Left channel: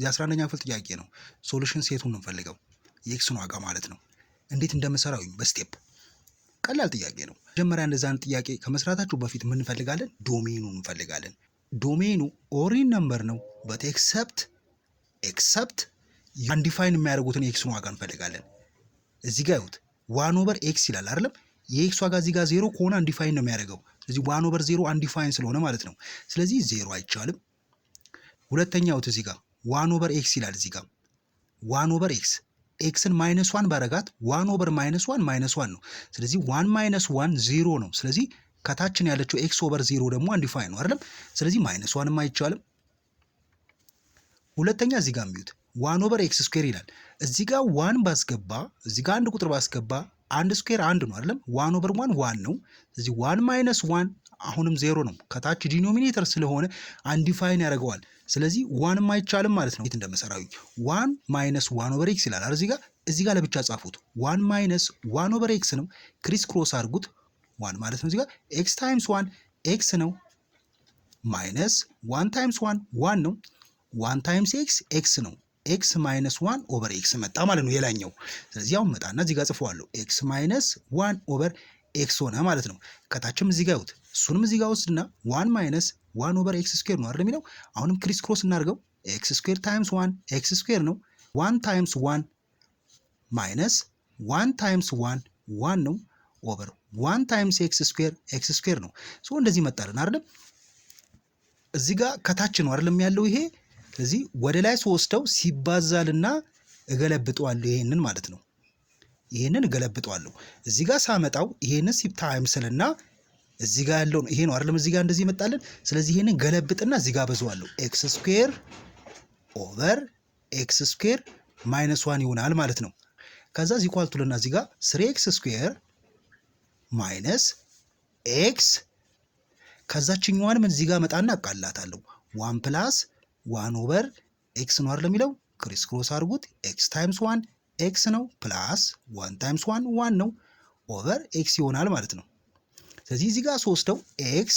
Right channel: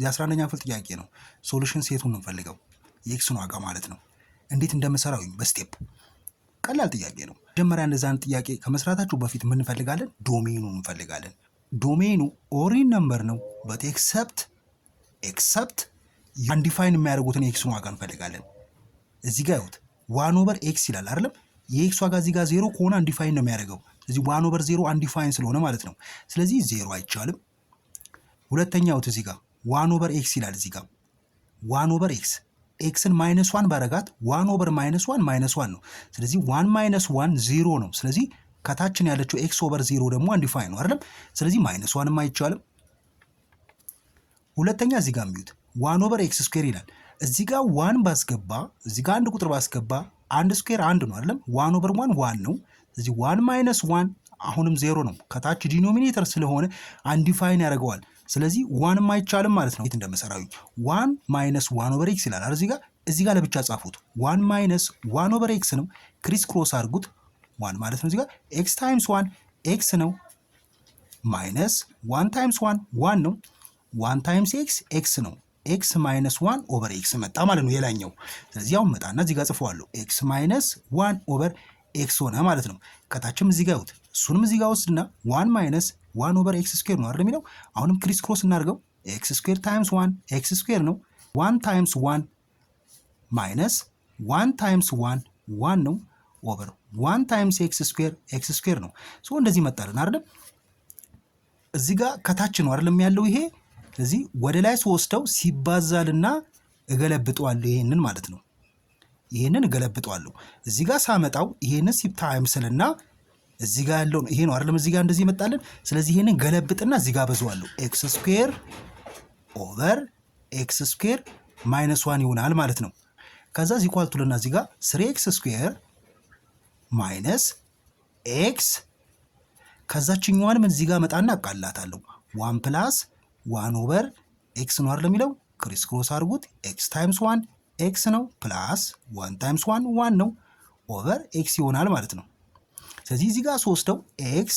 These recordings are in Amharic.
የ11ኛ ክፍል ጥያቄ ነው። ሶሉሽን ሴቱን እንፈልገው የኤክስን ዋጋ ማለት ነው። እንዴት እንደምሰራው በስቴፕ ቀላል ጥያቄ ነው። መጀመሪያ እንደዛን ጥያቄ ከመስራታችሁ በፊት ምን እንፈልጋለን? ዶሜኑ እንፈልጋለን። ዶሜኑ ኦሪን ነምበር ነው በት ኤክሰፕት አንዲፋይን የሚያደርጉትን የኤክስን ዋጋ እንፈልጋለን። እዚህ ጋር ይሁት 1/x ይላል አይደለም? የኤክስ ዋጋ እዚህ ጋር 0 ከሆነ አንዲፋይን ነው የሚያደርገው። ስለዚህ 1/0 አንዲፋይን ስለሆነ ማለት ነው። ስለዚህ 0 አይቻልም። ሁለተኛው እዚህ ጋር 1/x ይላል። እዚህ ጋር 1/x ኤክስን -1 ባረጋት 1/-1 ነው። ስለዚህ 1 - 1 0 ነው። ስለዚህ ከታችን ያለችው x/0 ደግሞ አንዲፋይን ነው አይደለም? ስለዚህ -1ም አይቻልም። ሁለተኛ እዚህ ጋር የሚዩት 1/x² ይላል። እዚህ ጋር 1 ባስገባ እዚህ ጋር አንድ ቁጥር ባስገባ አንድ ስኩዌር 1 ነው አይደለም? 1/1 1 ነው። ስለዚህ 1 - 1 አሁንም 0 ነው። ከታች ዲኖሚኔተር ስለሆነ አንዲፋይን ያደርገዋል። ስለዚህ 1ም አይቻልም ማለት ነው። እንዴት እንደመሰራዊ 1 - 1/x ይላል አይደል? እዚህ ጋር ለብቻ ጻፉት። 1 - 1/x ነው። ክሪስ ክሮስ አድርጉት 1 ማለት ነው። እዚህ ጋር x ታይምስ 1 x ነው። ማይነስ 1 ታይምስ 1 1 ነው። 1 ታይምስ x ነው። x - 1/x መጣ ማለት ነው የላኛው። ስለዚህ አሁን መጣና እዚህ ጋር ጽፈዋለሁ x - 1/x ሆነ ማለት ነው። ከታችም እዚህ ጋር ይሁት እሱንም እዚህ ጋር ወስድና 1 - 1/x² ነው አይደል የሚለው። አሁንም ክሪስ ክሮስ እናድርገው x² ታይምስ 1 x² ነው። 1 ታይምስ 1 ማይነስ 1 ታይምስ 1 1 ነው ኦቨር 1 ታይምስ x² ነው። ሶ እንደዚህ መጣልን አይደል? እዚህ ጋር ከታች ነው አይደል ያለው ይሄ። ስለዚህ ወደ ላይ ወስደው ሲባዛልና እገለብጠዋለሁ ይሄንን ማለት ነው። ይሄንን እገለብጠዋለሁ እዚህ ጋር ሳመጣው ይሄንን ታይምስልና እዚህ ጋር ያለው ይሄ ነው አይደል? እዚህ ጋር እንደዚህ መጣልን። ስለዚህ ይሄንን ገለብጥና እዚህ ጋር በዛዋለሁ x² ኦቨር x² -1 ይሆናል ማለት ነው። ከዛ እዚህ ኳልቱልና እዚህ ጋር 3x² ማይነስ x ከዛችኛዋንም እዚህ ጋር መጣና አቃላታለሁ 1 + 1/x ነው አይደል የሚለው። ክሪስ ክሮስ አድርጉት x ታይምስ 1 x ነው ፕላስ 1 ታይምስ 1 1 ነው ኦቨር x ይሆናል ማለት ነው። ስለዚህ እዚህ ጋር ወስደው x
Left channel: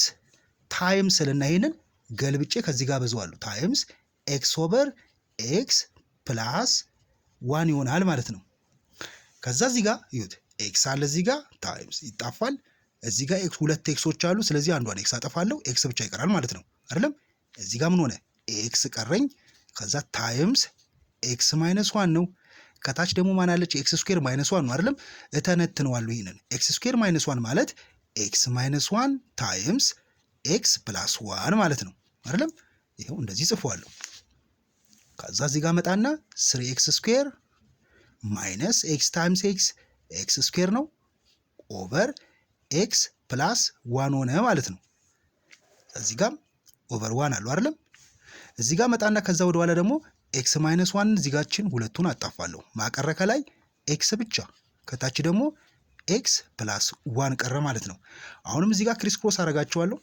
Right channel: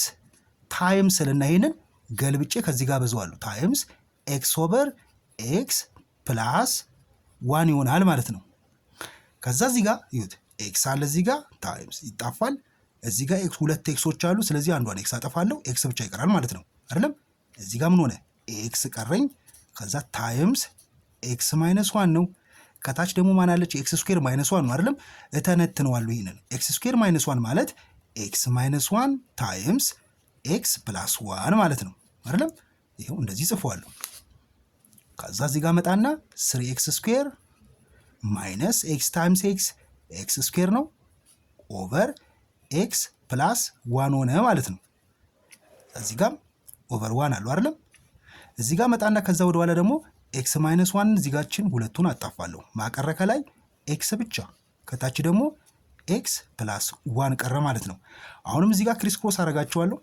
ታይምስ ልና ይሄንን ገልብጬ ከዚህ ጋር በዛዋለሁ ታይምስ x ኦቨር x ፕላስ 1 ይሆናል ማለት ነው። ከዛ እዚህ ጋር ይሁት x አለ እዚህ ጋር ታይምስ ይጣፋል። እዚህ ጋር ሁለት ኤክሶች አሉ። ስለዚህ አንዷን ኤክስ አጠፋለሁ x ብቻ ይቀራል ማለት ነው አይደለም? እዚህ ጋር ምን ሆነ ኤክስ ቀረኝ። ከዛ ታይምስ x - 1 ነው። ከታች ደግሞ ማን አለች x² - 1 ነው አይደለም? እተነትነዋለሁ ይሄንን x² - 1 ማለት x - 1 ታይምስ x + 1 ማለት ነው አይደለም? ይሄው እንደዚህ ጽፈዋለሁ። ከዛ እዚህ ጋር መጣና 3x² ማይነስ x ታይምስ x² ነው ኦቨር x + 1 ሆነ ማለት ነው። እዚህ ጋር ኦቨር 1 አለው አይደለም? እዚህ ጋር መጣና ከዛ ወደ ኋላ ደግሞ x - 1 እዚህ ጋርችን ሁለቱን አጣፋለሁ። ማቀረ ከላይ x ብቻ ከታች ደግሞ x + 1 ቀረ ማለት ነው። አሁንም እዚህ ጋር ክሪስ ክሮስ አደርጋቸዋለሁ።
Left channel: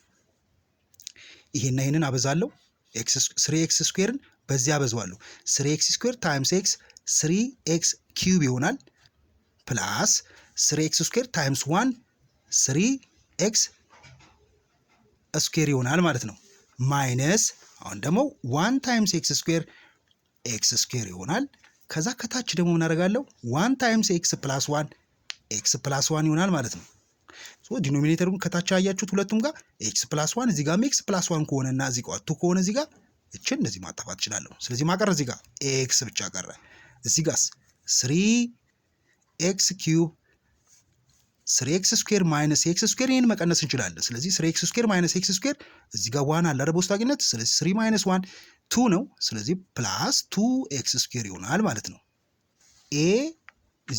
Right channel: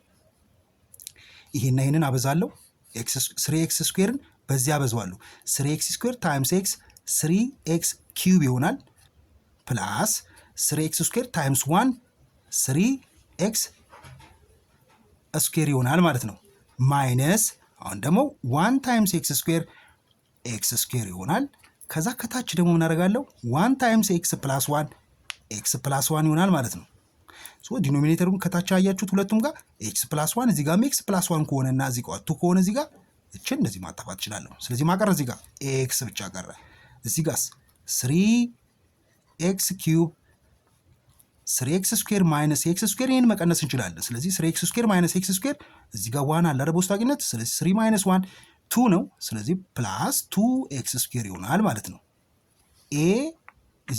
ይሄንን አበዛለሁ። 3x² በዚህ አበዛዋለሁ። 3x² ታይምስ x 3x³ ይሆናል ፕላስ 3x² ታይምስ 1 3x² ይሆናል ማለት ነው። ማይነስ አሁን ደግሞ 1 ታይምስ x² ይሆናል። ከዛ ከታች ደግሞ ምን አደርጋለሁ 1 ታይምስ x + 1 x + 1 ይሆናል ማለት ነው። ሶ ዲኖሚኔተሩን ከታች አያችሁት ሁለቱም ጋር x + 1 እዚህ ጋር x + 1 ከሆነና እዚህ ጋር 2 ከሆነ እዚህ ጋር እቺን እንደዚህ ማጣፋት እችላለሁ። ስለዚህ ማቀረ እዚህ ጋር x ብቻ ቀረ። እዚህ ጋርስ 3x³ 3x² ማይነስ x² ይሄን መቀነስ እንችላለን። ስለዚህ 3x² ማይነስ x² እዚህ ጋር 1 አለ አይደል በውስጣቂነት። ስለዚህ 3 ማይነስ 1 2 ነው። ስለዚህ ፕላስ 2x² ይሆናል ማለት ነው። a =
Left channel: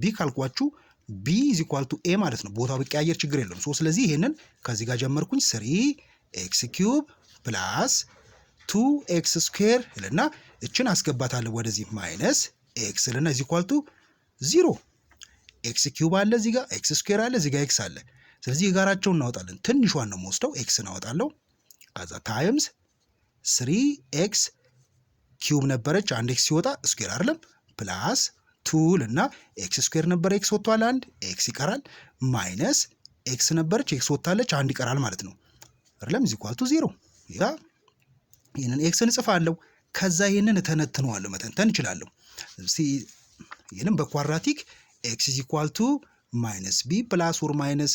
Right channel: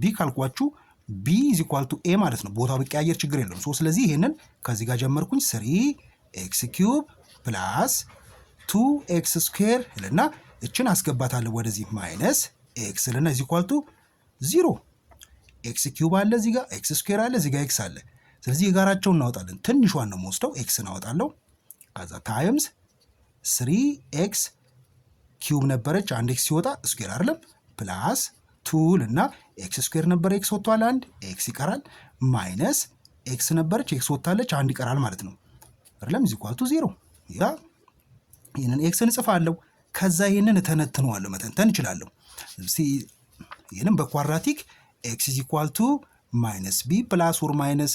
b ካልኳችሁ b = a ማለት ነው። ቦታው ቢቀያየር ችግር የለውም። ስለዚህ ይሄንን ከዚህ ጋር ጀመርኩኝ 3x³ ፕላስ 2x² ልና እችን አስገባታለሁ ወደዚህ ማይነስ x ልና = 0 x³ አለ እዚህ ጋር x² አለ እዚህ ጋር x አለ። ስለዚህ የጋራቸውን እናወጣለን። ትንሿን ነው የምወስደው x እናወጣለሁ። ከዛ ታይምስ 3x³ ነበረች አንድ x ሲወጣ ስኩዌር አይደለም ፕላስ 2 እና x² ነበር x ወጥቷል አንድ x ይቀራል ማይነስ x ነበረች x ወጥታለች አንድ ይቀራል ማለት ነው አይደለም = 0 ያ ይሄንን x እንጽፋለሁ ከዛ ይህንን እተነትነዋለሁ፣ መተንተን እችላለሁ። ይህንም በኳድራቲክ ኤክስ ኢዝ ኢኳል ቱ ማይነስ ቢ ፕላስ ኦር ማይነስ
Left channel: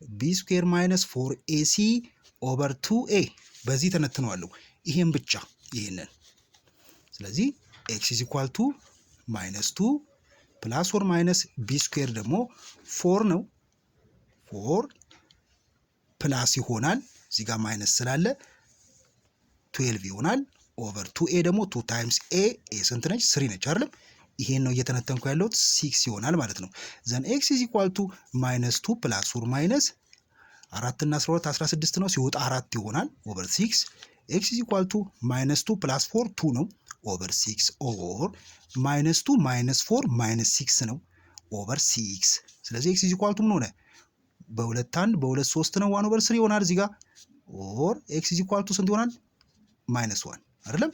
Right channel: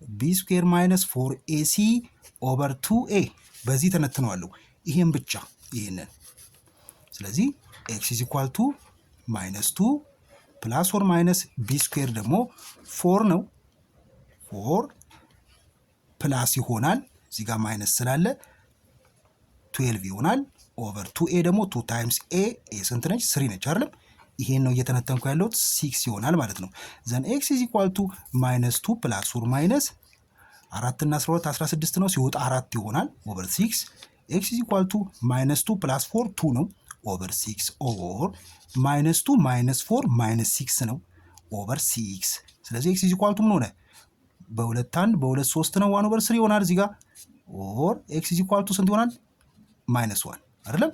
ቢ ስኩዌር ማይነስ 4ac ኦቨር 2a በዚህ ተነትነዋለሁ። ይሄን ብቻ ይሄንን። ስለዚህ ኤክስ ኢዝ ኢኳል ቱ ማይነስ 2 ፕላስ ኦር ማይነስ ቢ ስኩዌር ደግሞ 4 ነው። 4 ፕላስ ይሆናል እዚህ ጋር ማይነስ ስላለ 12 ይሆናል ኦቨር 2a ደግሞ 2 ታይምስ a ስንት ነች? 3 ነች አይደለም? ይሄን ነው እየተነተንኩ ያለሁት 6 ይሆናል ማለት ነው። ዘን ኤክስ ኢዝ ኢኳል ቱ ማይነስ 2 ፕላስ ኦር ማይነስ 4 እና 12 16 ነው ሲወጣ 4 ይሆናል ኦቨር 6 ኤክስ ኢዝ ኢኳል ቱ ማይነስ 2 ፕላስ 4 2 ነው ኦቨር 6 ኦር ማይነስ 2 ማይነስ 4 ማይነስ 6 ነው ኦቨር 6። ስለዚህ ኤክስ ኢዝ ኢኳል ቱ ምን ሆነ? በሁለት 1 በሁለት 3 ነው 1 ኦቨር 3 ይሆናል እዚህ ጋር ኦር ኤክስ ኢዝ ኢኳል ቱ ስንት ይሆናል? ማይነስ 1 አይደለም?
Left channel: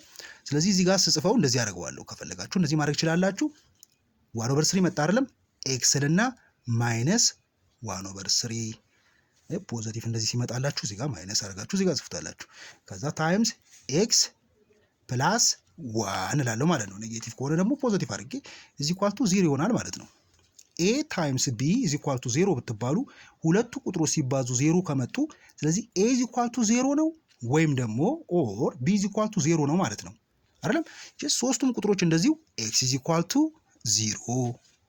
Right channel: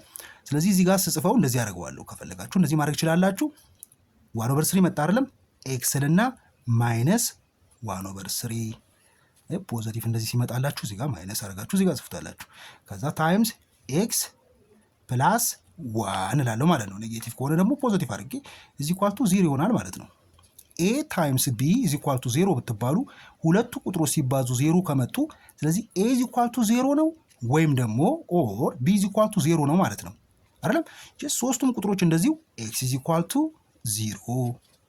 ስለዚህ እዚህ ጋር ስጽፈው እንደዚህ አደርገዋለሁ። ከፈለጋችሁ እንደዚህ ማድረግ ትችላላችሁ። 1 ኦቨር 3 መጣ አይደለም? ኤክስን እና ማይነስ 1 ኦቨር 3 ፖዚቲቭ እንደዚህ ሲመጣላችሁ እዚህ ጋር ማይነስ አድርጋችሁ እዚህ ጋር ጽፉታላችሁ። ከዛ ታይምስ ኤክስ ፕላስ 1 እላለሁ ማለት ነው። ኔጌቲቭ ከሆነ ደግሞ ፖዚቲቭ አድርጌ ኢዝ ኢኳል ቱ 0 ይሆናል ማለት ነው። ኤ ታይምስ ቢ ኢዝ ኢኳል ቱ 0 ብትባሉ ሁለቱ ቁጥሮች ሲባዙ 0 ከመጡ ስለዚህ ኤ ኢዝ ኢኳል ቱ 0 ነው ወይም ደግሞ ኦር ቢ ኢዝ ኢኳል ቱ 0 ነው ማለት ነው አይደለም? ሶስቱም ቁጥሮች እንደዚሁ ኤክስ ኢዝ ኢኳል ቱ 0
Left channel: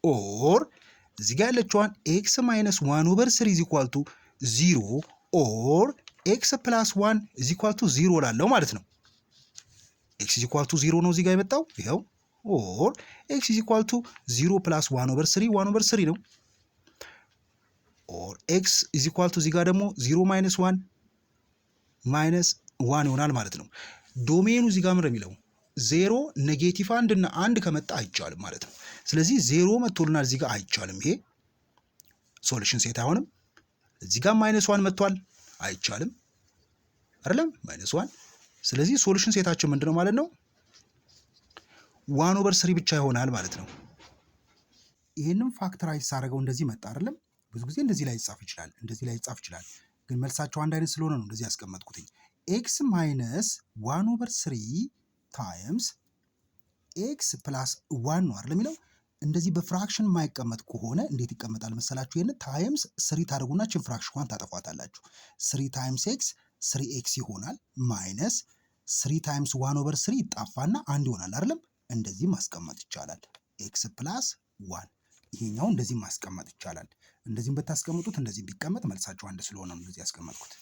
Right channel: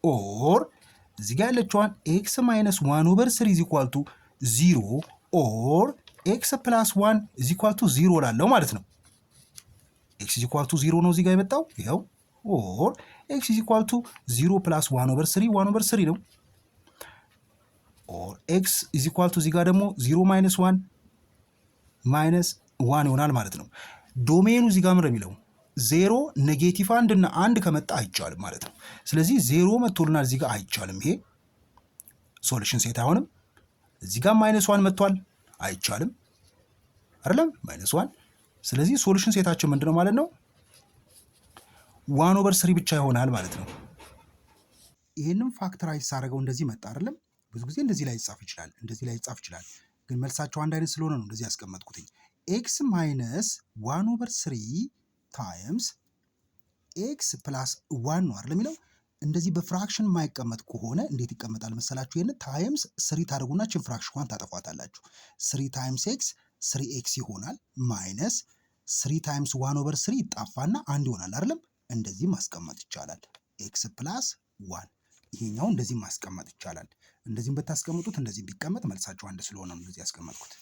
ኦር እዚህ ጋር ያለችዋን ኤክስ ማይነስ 1 ኦቨር 3 ኢዝ ኢኳል ቱ 0 ኦር ኤክስ ፕላስ 1 ኢዝ ኢኳል ቱ 0 ላለው ማለት ነው። ኤክስ ኢዝ ኢኳል ቱ 0 ነው እዚህ ጋር የመጣው ይኸው። ኦር ኤክስ ኢዝ ኢኳል ቱ 0 ፕላስ 1 ኦቨር 3 1 ኦቨር 3 ነው። ኦር ኤክስ ኢዝ ኢኳል ቱ እዚህ ጋር ደግሞ 0 ማይነስ 1 ማይነስ 1 ይሆናል ማለት ነው። ዶሜኑ እዚህ ጋር ምን የሚለው 0 ኔጌቲቭ 1 እና 1 ከመጣ አይቻልም ማለት ነው። ስለዚህ 0 መጥቶልናል እዚህ ጋር አይቻልም። ይሄ ሶሉሽን ሴት አይሆንም። እዚህ ጋር ማይነስ 1 መጥቷል አይቻልም አይደለም? ማይነስ 1። ስለዚህ ሶሉሽን ሴታችን ምንድነው ማለት ነው? 1 ኦቨር 3 ብቻ ይሆናል ማለት ነው። ይሄንን ፋክተራይዝ ሳደርገው እንደዚህ መጣ አይደለም? ብዙ ጊዜ እንደዚህ ላይ ይጻፍ ይችላል፣ እንደዚህ ላይ ይጻፍ ይችላል። ግን መልሳቸው አንድ አይነት ስለሆነ ነው እንደዚህ ያስቀመጥኩትኝ። ኤክስ ማይነስ 1 ኦቨር 3 ታይምስ ኤክስ ፕላስ 1 ነው አይደል የሚለው። እንደዚህ በፍራክሽን የማይቀመጥ ከሆነ እንዴት ይቀመጣል መሰላችሁ? ይሄን ታይምስ 3 ታደርጉና ችን ፍራክሽኗን ታጠፏታላችሁ። 3 ታይምስ ኤክስ 3 ኤክስ ይሆናል ማይነስ 3 ታይምስ 1 ኦቨር 3 ይጣፋና 1 ይሆናል አይደለም? እንደዚህ ማስቀመጥ ይቻላል። ኤክስ ፕላስ 1 ይሄኛው እንደዚህ ማስቀመጥ ይቻላል። እንደዚህም ብታስቀምጡት እንደዚህ ቢቀመጥ መልሳችሁ አንድ ስለሆነ ነው እንደዚህ ያስቀመጥኩት።